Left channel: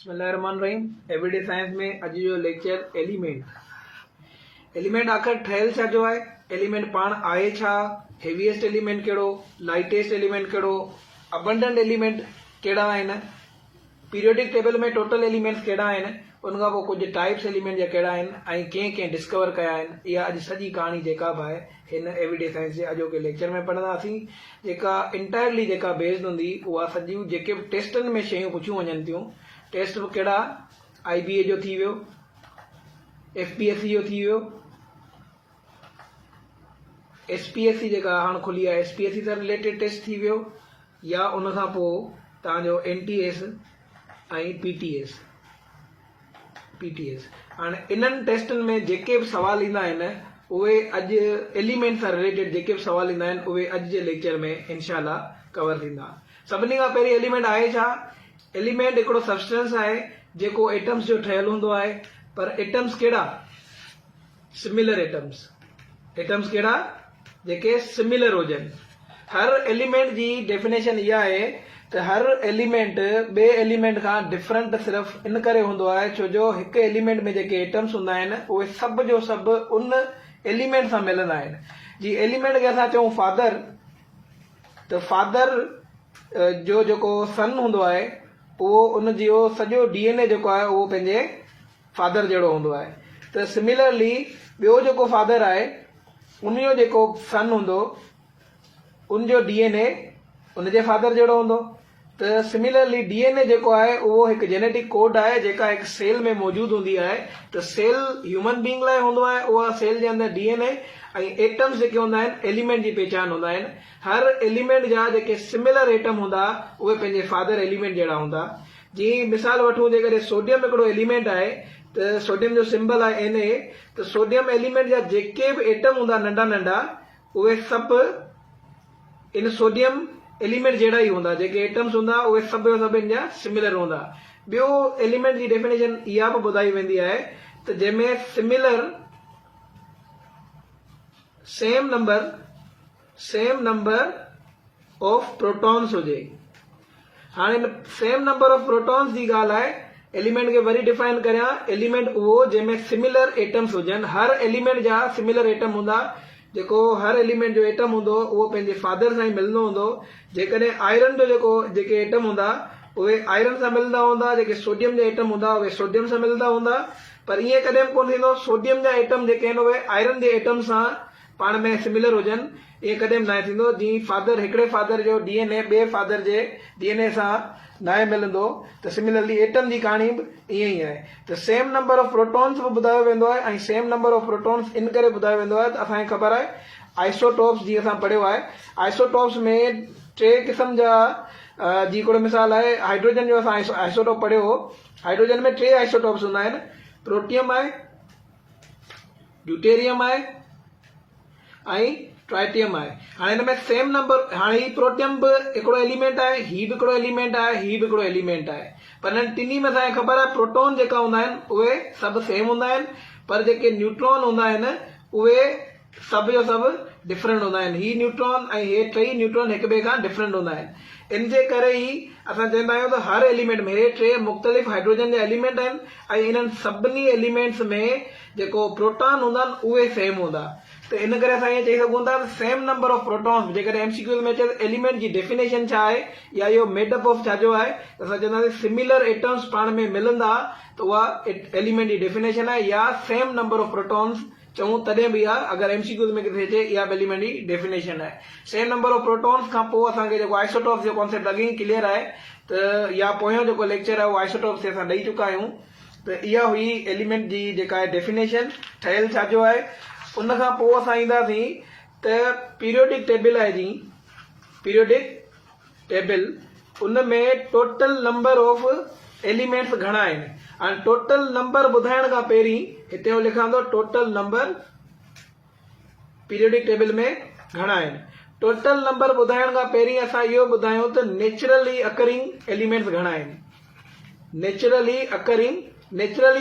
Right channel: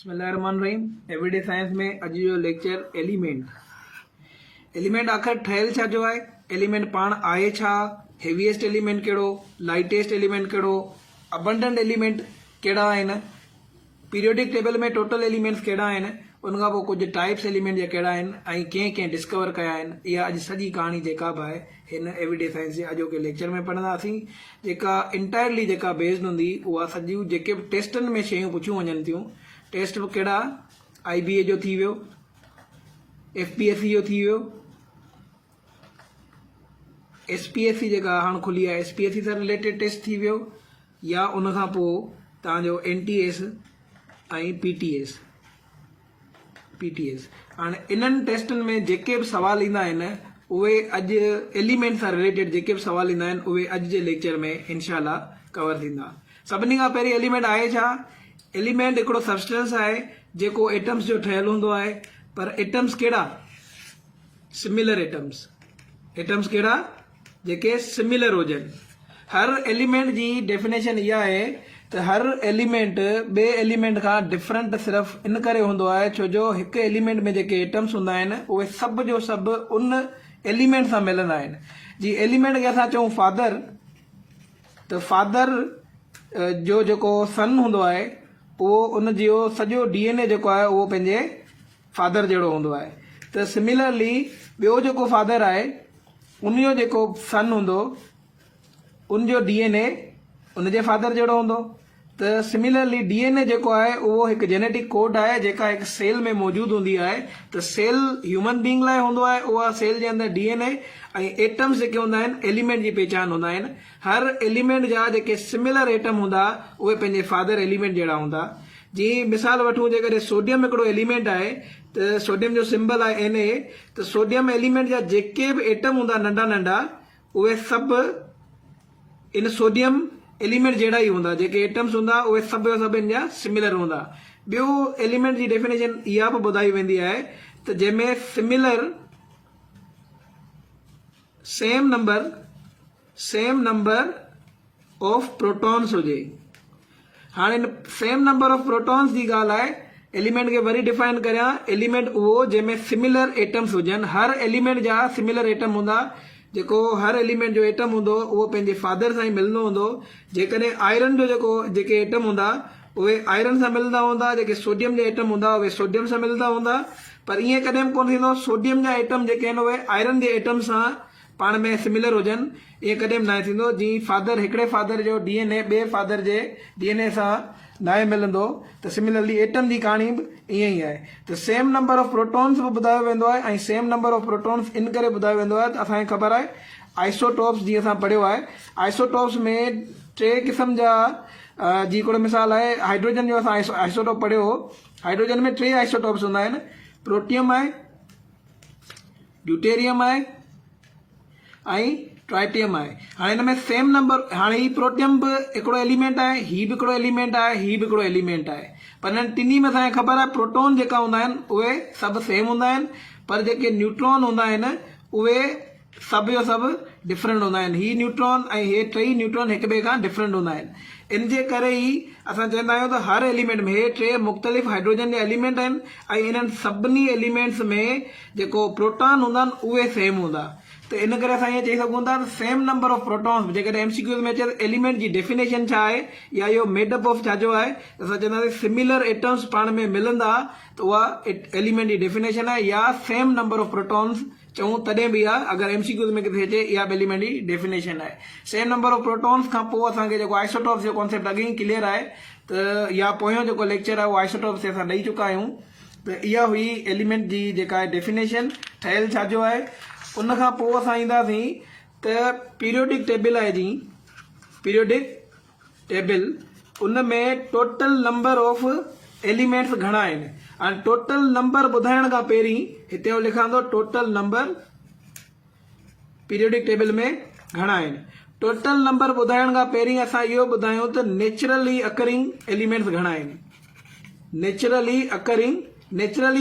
बिस्मिल्लाहिर्रहमानिर्रहीम। Everyday science में अॼु जो लेक्चर एलिमेंट आख़िर ठहियल छा जो आहे, एलिमेंट पाण आहे छा, हेवीएस्ट एलिमेंट कहिड़ो, लाइटेस्ट एलिमेंट कहिड़ो, अबंडेंट एलिमेंट कहिड़ा आहिनि, पीरियोडिक टेबल में टोटल एलिमेंट्स कहिड़ा आहिनि, उनखां पोइ कुझु टाइप्स एलिमेंट जा कहिड़ा आहिनि ऐं कंहिं डिस्कवर कया आहिनि। इहा अॼु सॼी कहाणी जेका बि आहे हिन एवरीडे साइंस जे अॼोके लेक्चर में पढ़ंदासीं, जेका इंटायरली जेका बेस्ड हूंदी उहा सॼियूं जेके बि टेस्टनि में शयूं पुछियूं वञनि थियूं। टेस्ट कहिड़ा, IBA जो थी वियो, FPSC जो थी वियो, SPSC जेका हाणे खुली आहे SPSC सां रिलेटेड टेस्ट थी वियो, या उनखां पोइ तव्हांजो NTS ऐं PTS। हाणे इन्हनि टेस्टनि में जेके बि सवाल ईंदा आहिनि उहे अॼु एलिमेंट सां रिलेटेड जेके बि सवाल ईंदा आहिनि उहे अॼु जे लेक्चर में इंशाल्लाह कवर थींदा। सभिनी खां पहिरीं एलिमेंट आहे छा? एलिमेंट हिकिड़ो सब्सटेंस आहे जेको एटम्स जो ठहियल हूंदो आहे, पर एटम्स कहिड़ा? Similar atoms. एटम्स कहिड़ा? जेके सिमिलर हुजनि। हर एलिमेंट जी डेफिनेशन इहा आहे त हर एलिमेंट ॿिए एलिमेंट खां डिफरेंट सिर्फ़ु इन करे हूंदो आहे छो जो हिकु एलिमेंट में जेके एटम्स हूंदा आहिनि उहे सभु जो सभु उन एलिमेंट सां मिलंदा आहिनि। जी एलिमेंट खे असां चऊं फादर, त फादर जो जेको सन हूंदो आहे उहो उन जो सॼो DNA जेको आहे उहो पंहिंजे फादर जहिड़ो हूंदो आहे। त सिमिलरली ॿियो जेको फादर आहे उन जो जेको सन हूंदो उन जो DNA उनजे फादर जहिड़ो हूंदो। त सिमिलरली DNA जेको आहे उहो हिकु जेनेटिक कोड आहे जेका हिकु सेल में मौजूदु हूंदी आहे। त सेल ह्यूमन बींग लाइ हूंदो आहे, उहा सेल जे अंदरि DNA ऐं एटम्स जेके हूंदा आहिनि एलिमेंट जी पहचान हूंदा आहिनि। हर एलिमेंट जा जेके सिमिलर एटम हूंदा उहे पंहिंजे फादर एलिमेंट जहिड़ा हूंदा। जीअं मिसाल वठूं, जेकॾहिं सोडियम हिकिड़ो एलिमेंट आहे त सोडियम जो सिंबल आहे Na, त सोडियम एलिमेंट जा जेके बि एटम हूंदा नंढा नंढा उहे सभु इन सोडियम एलिमेंट जहिड़ा ई हूंदा। जेके एटम्स हूंदा उहे सभु सभु इन जा सिमिलर हूंदा। ॿियो एलिमेंट जी डेफिनेशन इहा बि ॿुधाई वेंदी आहे त जंहिंमें similar same number of protons हुजे। हाणे सेम नंबर ऑफ प्रोटॉन्स जी ॻाल्हि आहे। एलिमेंट खे वरी डिफाइन करियां, एलिमेंट उहो जंहिंमें सिमिलर एटम्स हुजनि। हर एलिमेंट जा सिमिलर एटम हूंदा। जेको हर एलिमेंट जो एटम हूंदो उहो पंहिंजे फादर सां ई मिलंदो हूंदो। जेकॾहिं आयरन जो जेके एटम हूंदा उहे आयरन सां मिलंदा हूंदा, जेके सोडियम जा एटम हूंदा उहे सोडियम सां मिलंदा हूंदा। पर ईअं कॾहिं बि कोन थींदो सोडियम जा एटम जेके आहिनि उहे आयरन जे एटम सां पाण में सिमिलर हुजनि, ईअं कॾहिं बि न थींदो। जीअं फादर हिकिड़े फादर जो DNA ॿिए फादर जे DNA सां न मिलंदो, त सिमिलरली एटम जी कहाणी बि ईअं ई आहे। त सेम नंबर ऑफ प्रोटॉन्स बि ॿुधायो वेंदो आहे ऐं same number of protons in करे ॿुधायो वेंदो आहे त असांखे ख़बर आहे आइसोटॉप्स जीअं असां पढ़ियो आहे। आइसोटॉप्स में 3 क़िस्म जा, जी हिकिड़ो मिसाल आहे हाइड्रोजन जो असां आइसोटॉप पढ़ियो हो। हाइड्रोजन में 3 आइसोटॉप्स हूंदा आहिनि, प्रोटियम आहे, ड्यूटेरियम आहे ऐं ट्राइटियम आहे। हाणे हिन में सेम नंबर, हाणे ही प्रोटियम बि हिकिड़ो एलिमेंट आहे, ही बि हिकिड़ो एलिमेंट आहे, ही बि हिकिड़ो एलिमेंट आहे। पर हिननि टिनी में असांखे ख़बर आहे प्रोटॉन जेका हूंदा आहिनि उहे सभु सेम हूंदा आहिनि, पर जेके न्यूट्रॉन हूंदा आहिनि उहे सभु जो सभु डिफरेंट हूंदा आहिनि। ही न्यूट्रॉन ऐं हे 3 न्यूट्रॉन हिक ॿिए खां डिफरेंट हूंदा आहिनि। इन जे करे ई असां चवंदा आहियूं त हर एलिमेंट में, हे 3 मुख़्तलिफ़ हाइड्रोजन जा एलिमेंट आहिनि ऐं इन्हनि सभिनी एलिमेंट्स में जेको प्रोटॉन हूंदा आहिनि उहे सेम हूंदा। त इन करे असां ईअं चई सघूं था त सेम नंबर ऑफ प्रोटॉन्स। जेकॾहिं MCQ में अचे एलिमेंट जी डेफिनेशन छा आहे या इहो मेडअप ऑफ छाजो आहे, असां चवंदासीं सिमिलर एटम्स पाण में मिलंदा त उहा एलिमेंट जी डेफिनेशन आहे, या सेम नंबर ऑफ प्रोटॉन्स चऊं तॾहिं बि आहे। अगरि MCQ में किथे अचे इहा एलिमेंट जी डेफिनेशन आहे। सेम नंबर ऑफ प्रोटॉन्स खां पोइ असांखे जेको आइसोटॉप्स जो कॉन्सेप्ट अॻे ई क्लियर आहे, त या पोयों जेको लेक्चर आहे उहो आइसोटॉप्स ते असां ॾेई चुका आहियूं। त इहा हुई एलिमेंट जी जेका आहे डेफिनेशन, ठहियल छाजो आहे। उनखां पोइ असां ईंदासीं त पीरियोडिक टेबल आहे। जी पीरियोडिक टेबल, उन में टोटल नंबर ऑफ एलिमेंट्स घणा आहिनि। हाणे टोटल नंबर ॿुधाइण खां पहिरीं हिते लिखां थो टोटल नंबर पीरियोडिक टेबल में घणा आहिनि। टोटल नंबर ॿुधाइण खां पहिरीं असां इहो ॿुधायूं त नेचुरली अकरिंग एलिमेंट्स घणा आहिनि। नेचुरली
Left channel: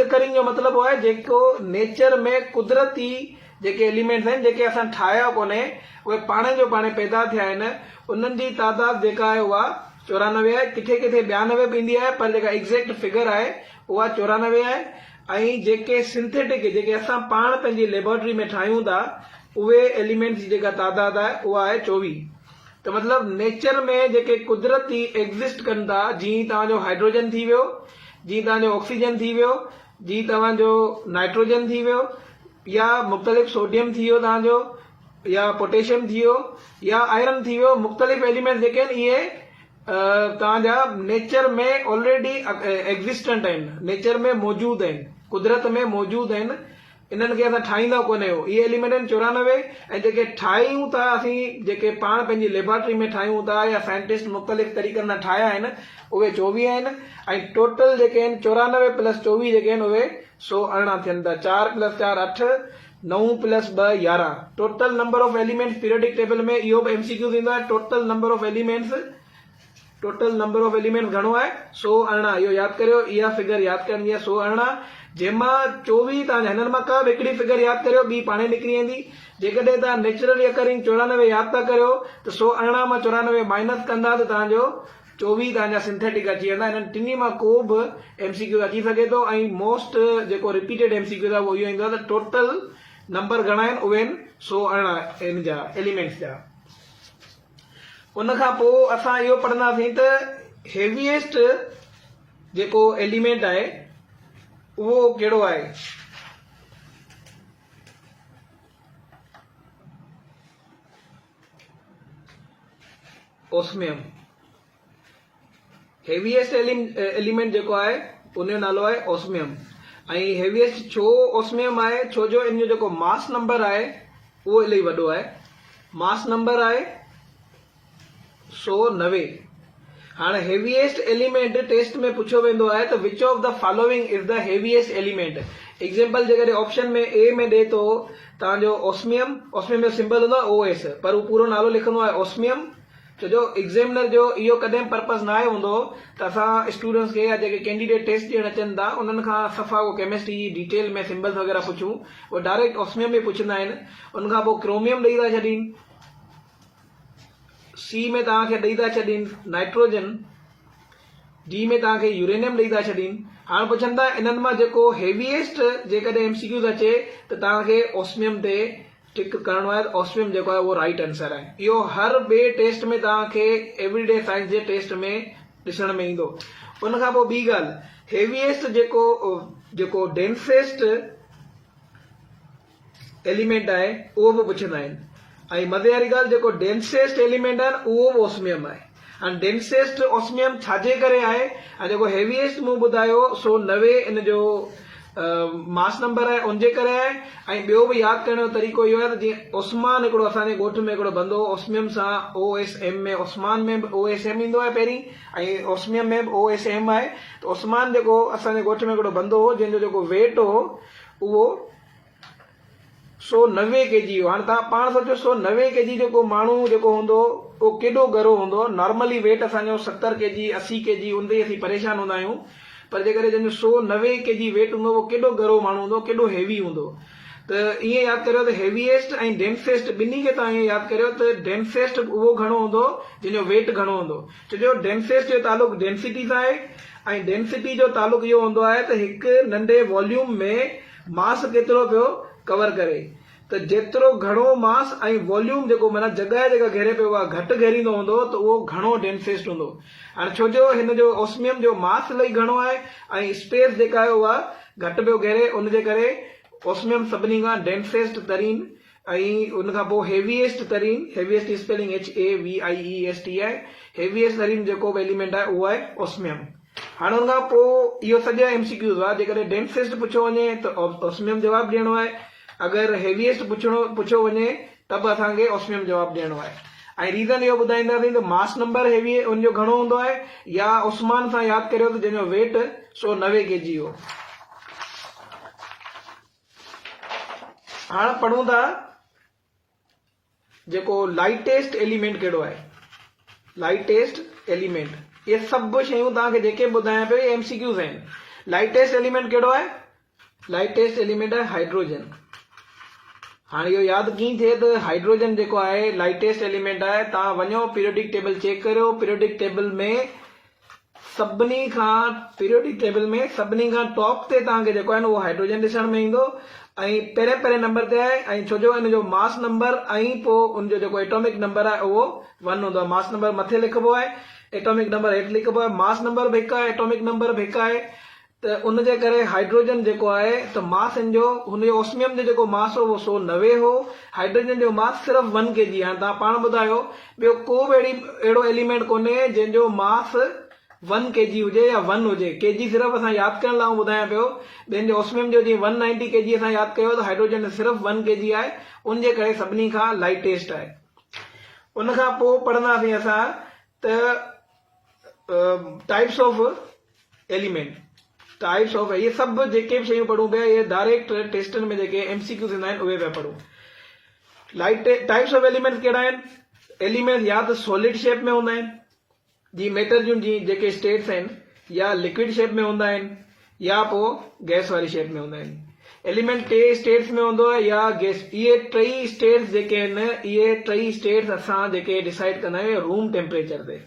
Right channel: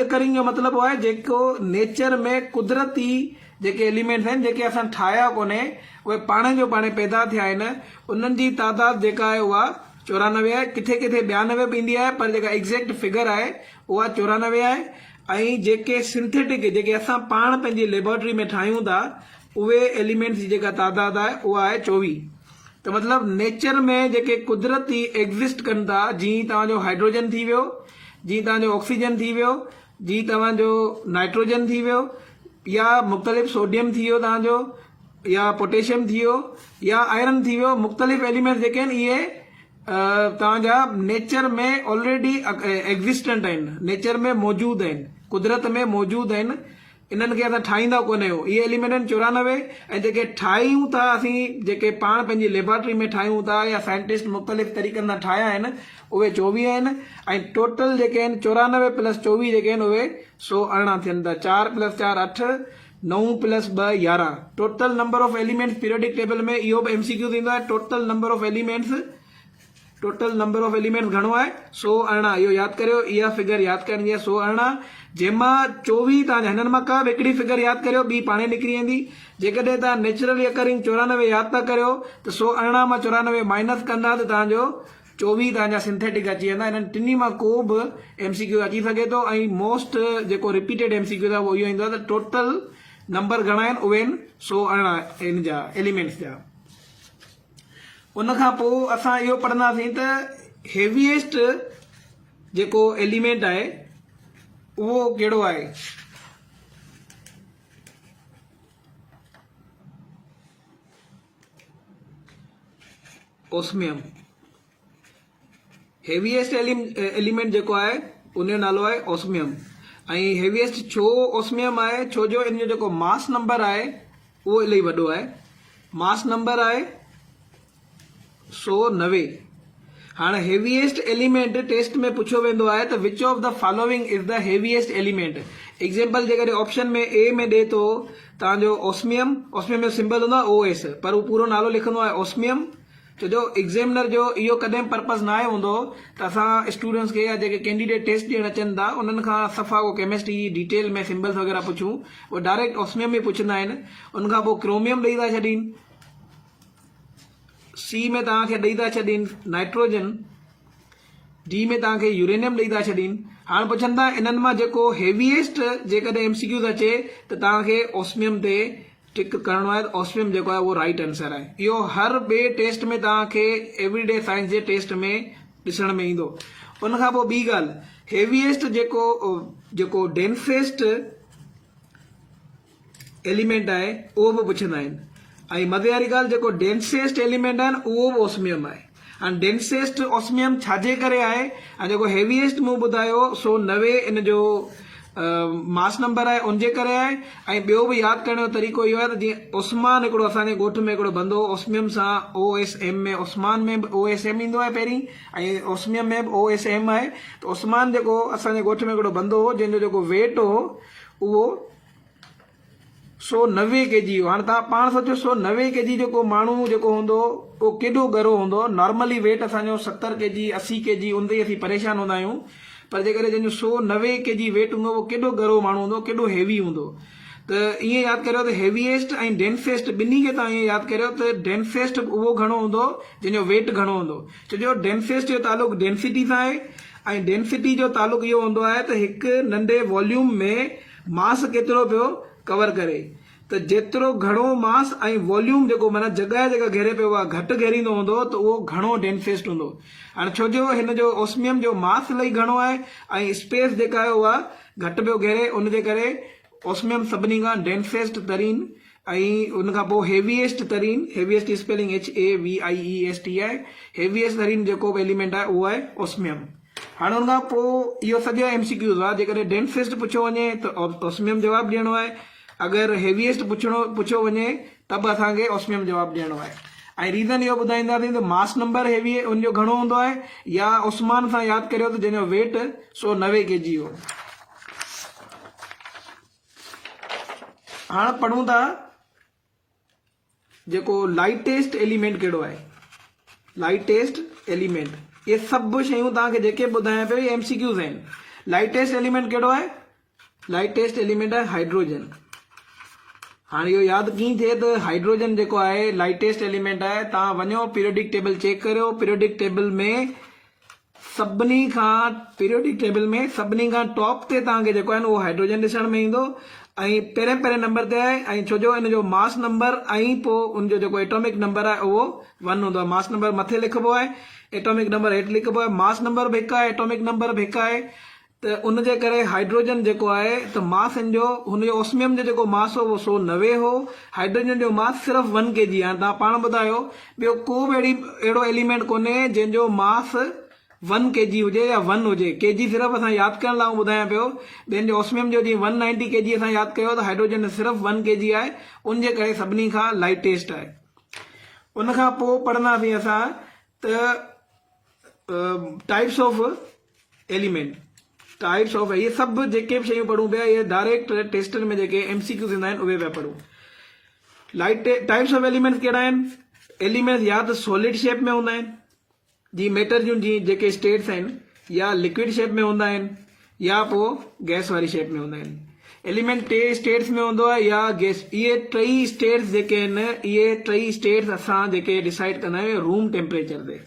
अकरिंग जो मतिलबु आहे जेको नेचर में कुदरती जेके एलिमेंट्स आहिनि, जेके असां ठाहिया कोन्हे, उहे पाणे जो पाणे पैदा थिया आहिनि, उन्हनि जी तादाद जेका आहे उहा 94 आहे, किथे किथे 92 बि ईंदी आहे, पर जेका एग्ज़ैक्ट फिगर आहे उहा 94 आहे। ऐं जेके सिंथेटिक जेके असां पाण पंहिंजी लेबोरेटरी में ठाहियूं था उहे एलिमेंट्स जी जेका तादाद आहे उहा आहे 24। तो मतिलबु नेचर में जेके कुदरती एग्ज़िस्ट कनि था, जीअं तव्हांजो हाइड्रोजन थी वियो, जीअं तव्हांजो ऑक्सीजन थी वियो, जीअं तव्हांजो नाइट्रोजन थी वियो, या मुख़्तलिफ़ सोडियम थी वियो तव्हांजो, या पोटेशियम थी वियो, या आयरन थी वियो, मुख़्तलिफ़ एलिमेंट्स जेके आहिनि इहे तव्हांजा नेचर में ऑलरेडी एग्ज़िस्टेंट आहिनि, नेचर में मौजूदु आहिनि, कुदरत में मौजूदु आहिनि। इन्हनि खे असां ठाहींदा कोन आहियूं। इहे एलिमेंट आहिनि 94। ऐं जेके ठाहियूं था असीं, जेके पाण पंहिंजी लेबोरेटरी में ठाहियूं था या साइंटिस्ट मुख़्तलिफ़ तरीक़नि सां ठाहिया आहिनि, उहे 24 आहिनि। ऐं टोटल जेके आहिनि 94 + 24 जेके आहिनि उहे 118 थियनि था। 4 + 4 8, 9 + 2 11। Total number of elements periodic table में इहो बि MCQ थींदो आहे। टोटल नंबर ऑफ एलिमेंट्स घणो आहे? 118। इहो यादि करियो, इहा फिगर यादि करणी आहे 118, जंहिंमां 24 तव्हांजा हिननि मां का बि हिकिड़ी फिगर यादि करियो, ॿी पाणे निकिरी वेंदी। जेकॾहिं तव्हां नेचुरली अकरिंग 94 यादि था करियो त 118 मां 94 माइनस कंदा त तव्हांजो 24 तव्हांजा सिंथेटिक अची वेंदा। हिननि टिनी मां को बि MCQ अची सघे थो। ऐं मोस्ट जेको रिपीटेड MCQ आहे उहो इहो ईंदो आहे त टोटल नंबर घणा आहिनि, उहे आहिनि 118 इन जा एलिमेंट्स जा। उनखां पोइ असां इहो पढ़ंदासीं त हेवीएस्ट जेको एलिमेंट आहे उहो कहिड़ो आहे। ऑस्मियम। हेवीएस्ट एलिमेंट जेको आहे उनजो नालो आहे ऑस्मियम। ऐं हेवीएस्ट छो ऑस्मियम आहे? छो जो इन जो जेको मास नंबर आहे उहो इलाही वॾो आहे। मास नंबर आहे 190। हाँ हेवीएस्ट एलिमेंट टेस्ट में पूछो वेंदो आहे त which of the following is the heaviest element. Example जेकॾहिं ऑप्शन में ए में ॾे थो तव्हांजो ऑस्मियम, ऑस्मियम जो सिंबल हूंदो आहे OS, पर उहो पूरो नालो लिखंदो आहे ऑस्मियम। छो जो एग्ज़ामिनर जो इहो कॾहिं पर्पज़ न आहे हूंदो त असां स्टूडेंट्स खे या जेके कैंडिडेट टेस्ट ॾियणु अचनि था उन्हनि खां सफ़ा को केमिस्ट्री जी डिटेल में सिंबल्स वग़ैरह पुछूं, उहो डायरेक्ट ऑस्मियम में पुछंदा आहिनि। उनखां पोइ क्रोमियम ॾेई था छॾीनि, C में तव्हांखे ॾेई था छॾीनि नाइट्रोजन, D में तव्हांखे यूरेनियम ॾेई था छॾीनि। हाणे पुछनि था इन्हनि मां जेको हेवीएस्ट जेकॾहिं MCQ अचे त तव्हांखे ऑस्मियम ते टिक करणो आहे। ऑस्मियम जेको आहे उहो राइट आंसर आहे। इहो हर ॿिए टेस्ट में तव्हांखे एवरीडे साइंस जे टेस्ट में ॾिसण में ईंदो। उनखां पोइ ॿी ॻाल्हि, हेवीएस्ट जेको डेंसेस्ट एलिमेंट आहे उहो बि पुछंदा आहिनि। ऐं मज़े वारी ॻाल्हि, जेको डेंसेस्ट एलिमेंट आहे उहो बि ऑस्मियम आहे। हाणे डेंसेस्ट ऑस्मियम छाजे करे आहे? ऐं जेको हेवीएस्ट मूं ॿुधायो 190 इन जो मास नंबर आहे उनजे करे आहे। ऐं ॿियो बि यादि करण जो तरीक़ो इहो आहे त जीअं ओस्मान हिकिड़ो असांजे ॻोठ में हिकिड़ो बंदो ऑस्मियम सां OSM में, ओस्मान में बि OSM ईंदो आहे पहिरीं, ऐं ऑस्मियम में बि OSM आहे। त ओस्मान जेको असांजे ॻोठ में हिकिड़ो बंदो हो जंहिंजो जेको वेट हो उहो 190 kg हो। हाणे तव्हां पाण सोचो 190 kg जेको माण्हू जेको हूंदो उहो केॾो गरो हूंदो। नॉर्मली वेट असांजो 70 kg 80 kg हूंदे असीं परेशान हूंदा आहियूं, पर जेकॾहिं जंहिंजो 190 kg वेट हूंदो उहो केॾो गरो माण्हू हूंदो, केॾो हेवी हूंदो। त ईअं यादि करियो त हेवीएस्ट ऐं डेंसेस्ट ॿिन्ही खे तव्हां ईअं यादि करियो त डेंसेस्ट उहो घणो हूंदो जंहिंजो वेट घणो हूंदो। छो जो डेंसेस्ट जो तालुक डेंसिटी सां आहे, ऐं डेंसिटी जो तालुक इहो हूंदो आहे त हिकु नंढे वॉल्यूम में मास केतिरो पियो कवर करे। त जेतिरो घणो मास ऐं वॉल्यूम जेको माना जॻह जेका घेरे पियो आहे घटि घेरींदो हूंदो त उहो घणो डेंसेस्ट हूंदो। हाणे छो जो हिन जो ऑस्मियम जो मास इलाही घणो आहे ऐं स्पेस जेका आहे उहा घटि पियो घेरे, उनजे करे ऑस्मियम सभिनी खां डेंसेस्ट तरीन ऐं उनखां पोइ हेवीएस्ट तरीन, हेवीएस्ट स्पेलिंग HAVIEST आहे। हेवीएस्ट तरीन जेको बि एलिमेंट आहे उहो आहे ऑस्मियम। हाणे उनखां पोइ इहो सॼा MCQs आहे। जेकॾहिं डेंसेस्ट पुछो वञे त ऑस्मियम जवाबु ॾियणो आहे, अगरि हेवीएस्ट पुछो वञे त बि असांखे ऑस्मियम जवाबु ॾियणो आहे। ऐं रीज़न इहो ॿुधाईंदासीं त मास नंबर हेवी उनजो घणो हूंदो आहे, या ओस्मान सां यादि करियो त जंहिंजो वेट 190 kg हो। हाणे पढ़ूं था जेको लाइटेस्ट एलिमेंट कहिड़ो आहे। लाइटेस्ट एलिमेंट, इहे सभु शयूं तव्हांखे जेके ॿुधायां पियो इहे MCQs आहिनि। लाइटेस्ट एलिमेंट कहिड़ो आहे? लाइटेस्ट एलिमेंट आहे हाइड्रोजन। हाणे इहो यादि कीअं थिए त हाइड्रोजन जेको आहे लाइटेस्ट एलिमेंट आहे। तव्हां वञो पीरियोडिक टेबल चेक करियो, पीरियोडिक टेबल में सभिनी खां टॉप ते तव्हांखे जेको आहे न उहो हाइड्रोजन ॾिसण में ईंदो ऐं पहिरें नंबर ते आहे। ऐं छो जो हिन जो मास नंबर ऐं पोइ उनजो जेको एटॉमिक नंबर आहे उहो 1 हूंदो आहे। मास नंबर मथे लिखिबो आहे, एटॉमिक नंबर हेठि लिखिबो आहे। मास नंबर बि हिकु आहे, एटॉमिक नंबर बि हिकु आहे। त उनजे करे हाइड्रोजन जेको आहे त मास हिन जो हुनजो ऑस्मियम जो जेको मास हो उहो 190 हो। हाइड्रोजन जो मास सिर्फ़ु 1 kg आहे। तव्हां पाण ॿुधायो ॿियो को बि अहिड़ो एलिमेंट कोन्हे जंहिंजो मास 1 kg हुजे या 1 हुजे। केजी सिर्फ़ु असां यादि करण लाइ ॿुधायां पियो। ॿियनि जो ऑस्मियम जो जीअं 190 kg असां यादि कयो त हाइड्रोजन सिर्फ़ु 1 kg आहे। उनजे करे सभिनी खां लाइटेस्ट आहे। उनखां पोइ पढ़ंदासीं असां त types of element, types of ये सभु जेके बि शयूं पढ़ूं पिया इहे डायरेक्ट टेस्टनि में जेके MCQ थींदा आहिनि उहे पिया पढ़ूं। टाइप्स ऑफ एलिमेंट्स कहिड़ा आहिनि? एलिमेंट्स या त सॉलिड शेप में हूंदा आहिनि, जी मैटर जूं जी जेके स्टेट्स आहिनि, या लिक्विड शेप में हूंदा आहिनि, या पोइ गैस वारी शेप में हूंदा आहिनि। एलिमेंट 3 स्टेट्स में हूंदो आहे या गैस। इहे 3 स्टेट्स जेके आहिनि, इहे 3 स्टेट्स असां जेके डिसाइड कंदा आहियूं रूम टेम्परेचर ते।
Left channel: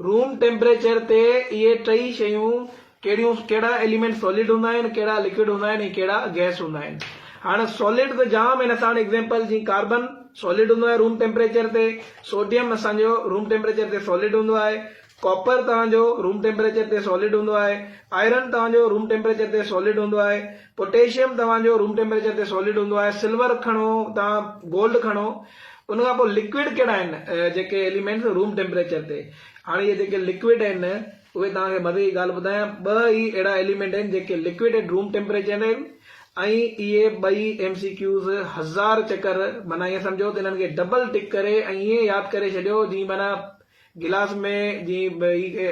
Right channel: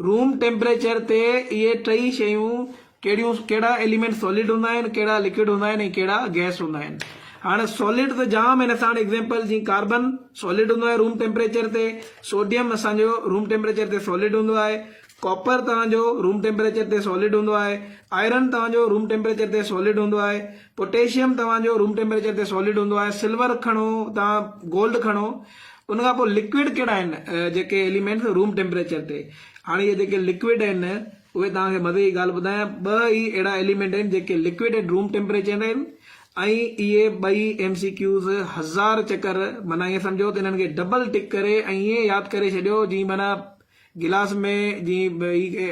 रूम टेम्परेचर ते इहे 3 शयूं कहिड़ा एलिमेंट सॉलिड हूंदा आहिनि, कहिड़ा लिक्विड हूंदा आहिनि ऐं कहिड़ा गैस हूंदा आहिनि। हाणे सॉलिड त जाम आहिनि असां वटि एग्जाम्पल, जीअं कार्बन सॉलिड हूंदो आहे रूम टेम्परेचर ते, सोडियम असांजो रूम टेम्परेचर ते सॉलिड हूंदो आहे, कॉपर तव्हांजो रूम टेम्परेचर ते सॉलिड हूंदो आहे, आयरन तव्हांजो रूम टेम्परेचर ते सॉलिड हूंदो आहे, पोटेशियम तव्हांजो रूम टेम्परेचर ते सॉलिड हूंदो आहे, सिल्वर खणो तव्हां, गोल्ड खणो। उनखां पोइ लिक्विड कहिड़ा आहिनि जेके एलिमेंट्स रूम टेम्परेचर ते। हाणे इहे जेके लिक्विड आहिनि उहे तव्हांखे मज़े जी ॻाल्हि ॿुधायां, 2 ई अहिड़ा एलिमेंट आहिनि जेके लिक्विड एट रूम टेम्परेचर आहिनि ऐं इहे 2 MCQs 1000 चकर माना ईअं सम्झो त इन्हनि खे डबल टिक करे ऐं ईअं यादि करे छॾियो जीअं माना गिलास में जीअं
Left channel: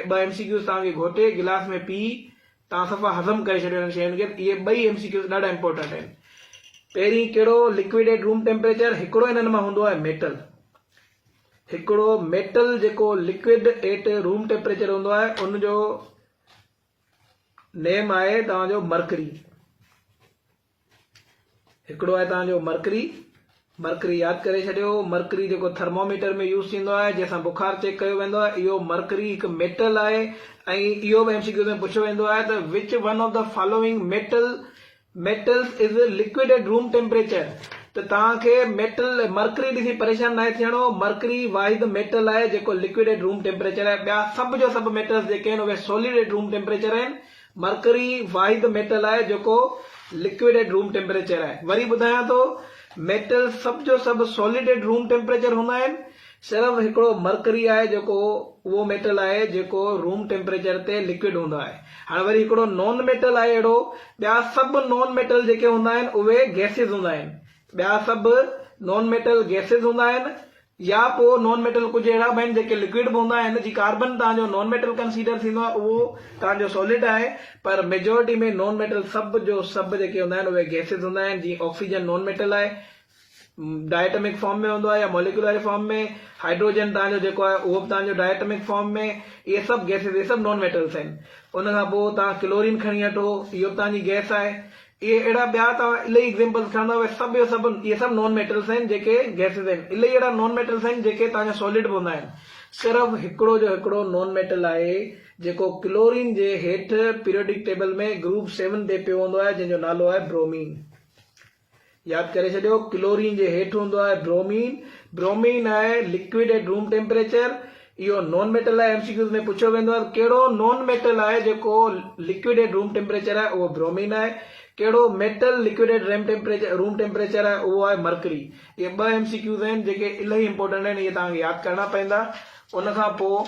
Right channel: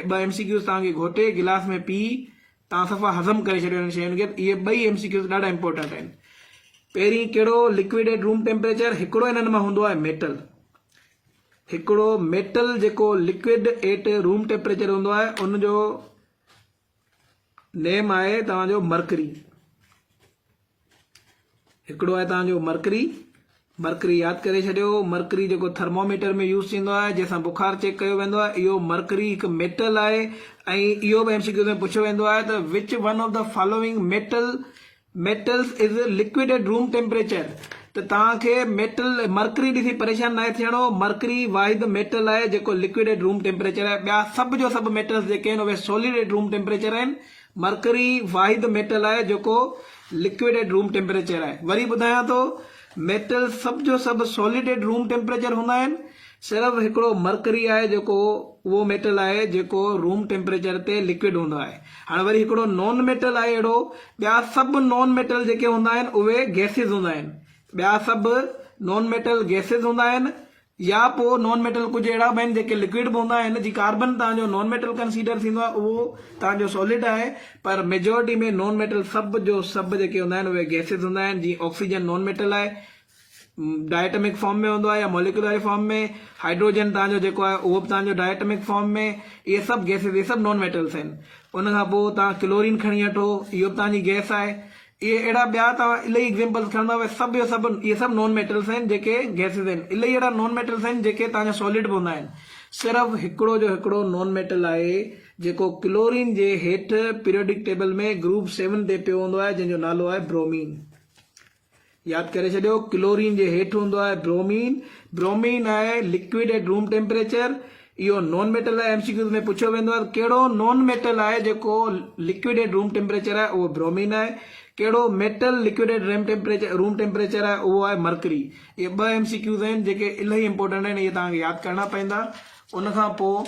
2 MCQs तव्हांखे घोटे गिलास में पी तव्हां सफ़ा हज़म करे छॾियो हिन शयुनि खे। इहे 2 MCQs ॾाढा इंपॉर्टेंट आहिनि। पहिरीं कहिड़ो? Liquid at room temperature. हिकिड़ो इन्हनि मां हूंदो आहे मेटल। हिकिड़ो मेटल जेको लिक्विड एट रूम टेम्परेचर हूंदो आहे उनजो नेम आहे तव्हांजो मर्करी। हिकिड़ो आहे तव्हांजो मर्करी। मर्करी यादि करे छॾियो। मर्करी जेको थर्मोमीटर में यूज़ थींदो आहे, जंहिंसां बुखार चेक कयो वेंदो आहे, इहो मर्करी हिकु मेटल आहे। ऐं इहो बि MCQ में पुछियो वेंदो आहे त which one of the following metals is liquid at room temperature. त तव्हांखे मेटल मर्करी ॾिसी परेशान न थियणो। मर्करी वाहिद मेटल आहे जेको लिक्विड एट रूम टेम्परेचर आहे। ॿिया सभु जो सभु मेटल्स जेके आहिनि उहे सॉलिड एट रूम टेम्परेचर आहिनि। मर्करी वाहिद मेटल आहे जेको लिक्विड एट रूम टेम्परेचर आहे। वरी ॿुधायां थो, मेटल सभु जो सभु सॉलिड एट रूम टेम्परेचर हूंदा आहिनि। सिर्फ़ु हिकिड़ो मर्करी आहे जेको उहो मेटल आहे जेको रूम टेम्परेचर ते लिक्विड हूंदो आहे। हाणे वरी हिकिड़ो नॉन मेटल आहे अहिड़ो। ॿिया सभु नॉन मेटल जेके हूंदा आहिनि उहे गैसिस हूंदा आहिनि। ॿिया सभु नॉन मेटल गैसिस हूंदा आहिनि या पोइ नॉन मेटल कुझु अहिड़ा बि आहिनि जेके लिक्विड बि हूंदा आहिनि। जीअं कार्बन तव्हांजो नॉन मेटल कंसीडर थींदो आहे, उहो तव्हांजो सॉलिड आहे। पर मेजोरिटी में नॉन मेटल सभु जो सभु जेके हूंदा आहिनि उहे गैसिस हूंदा आहिनि। जीअं ऑक्सीजन नॉन मेटल आहे, डायटमिक फॉर्म में हूंदो आहे या मॉलिक्यूलर फॉर्म में। हाइड्रोजन तव्हांजो जेको आहे उहो बि तव्हांजो डायटमिक फॉर्म में। इहे सभु गैसिस, इहे सभु नॉन मेटल्स आहिनि। उनखां पोइ तव्हां क्लोरीन खणी वठो, इहो बि तव्हांजी गैस आहे। इहे अहिड़ा ॿिया तव्हां इलाही एग्जाम्पल्स खणंदव, सभु जो सभु इहे सभु नॉन मेटल्स आहिनि जेके गैसिस आहिनि। इलाही अहिड़ा नॉन मेटल्स आहिनि जेके तव्हांजा सॉलिड बि हूंदा आहिनि। सिर्फ़ु हिकिड़ो जो हिकिड़ो नॉन मेटल आहे जेको क्लोरीन जे हेठि पीरियोडिक टेबल में ग्रुप 7 ते पियो हूंदो आहे, जंहिंजो नालो आहे ब्रोमीन। यादि करे छॾियो, क्लोरीन जे हेठि हूंदो आहे ब्रोमीन। ब्रोमीन आहे लिक्विड एट रूम टेम्परेचर। इहो नॉन मेटल आहे। MCQ में पुछियो वेंदो आहे कहिड़ो नॉन मेटल आहे जेको लिक्विड एट रूम टेम्परेचर आहे, उहो ब्रोमीन आहे। कहिड़ो metal liquid at room temperature आहे, उहो आहे मर्करी। इहे 2 MCQs आहिनि जेके इलाही इंपॉर्टेंट आहिनि। इहे तव्हांखे यादि करणा पवंदा। उनखां पोइ